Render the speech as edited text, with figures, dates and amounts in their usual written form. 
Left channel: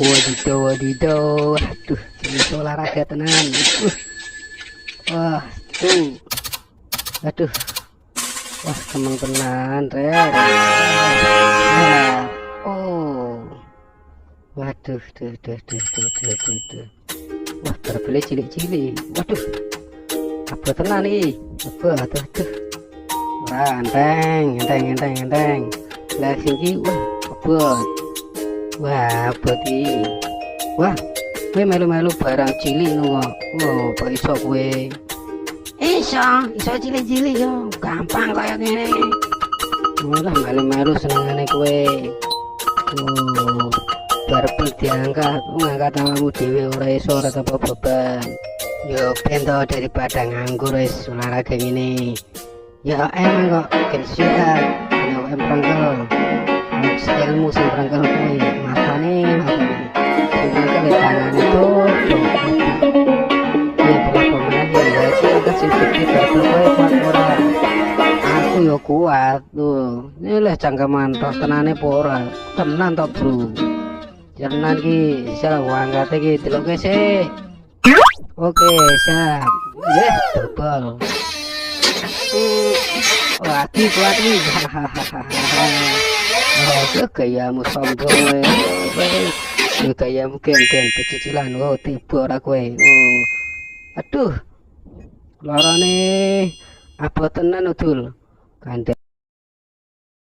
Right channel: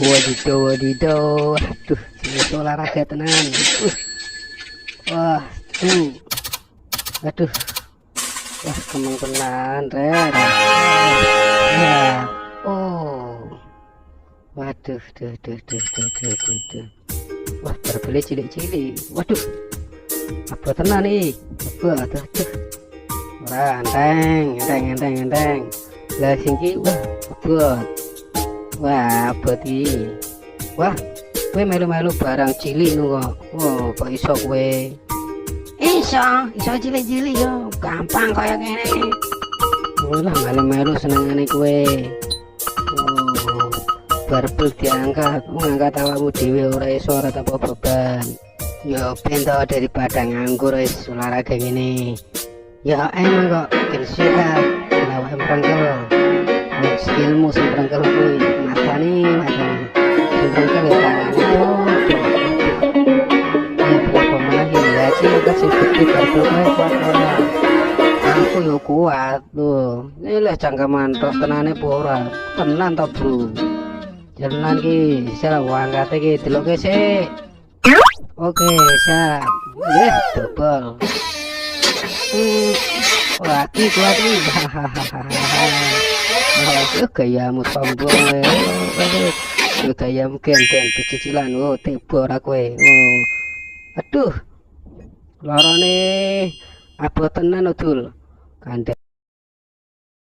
Wadidaw, wadidaw. Waduh, ini olahraga tenan. Wah, tuh. Aduh. Wah, kemang tenan, Ren. Nah, oh. Waduh, duh. Wah, terbeli cilik-cilik. Waduh. Apa tenan nih? Apa tuh. Wah, enteng. Lah sini, wah, abot. Wah, abot iki. Wah, kowe melu-melu barang cilik nu kok. Wah, kok iso kowe? Iso cilik-cilik yo. Gampang kaya ngene. Lah melu-melu senengane kowe. Oh, barbel diangkat, ngangkat awakmu dhewe ora iso ora tanpa beban. Yo bento daripada nganggur wis olahraga ngene. Ya emang kok kerja kalau emprengkel ilmu semprengkel kowe matane semprengkel tangan itu ya pemenang kasih gede kowe kuat ora aku yo kuat tuh ini lah jangka mantok tenane ora tenan to bro tenan ki salah angkat iki deloke sik oke siap double lagi kuati hahaha gayamu sombong gayamu gen pecicilan tiba ora kowe aduh larane apa tenan udul kandhe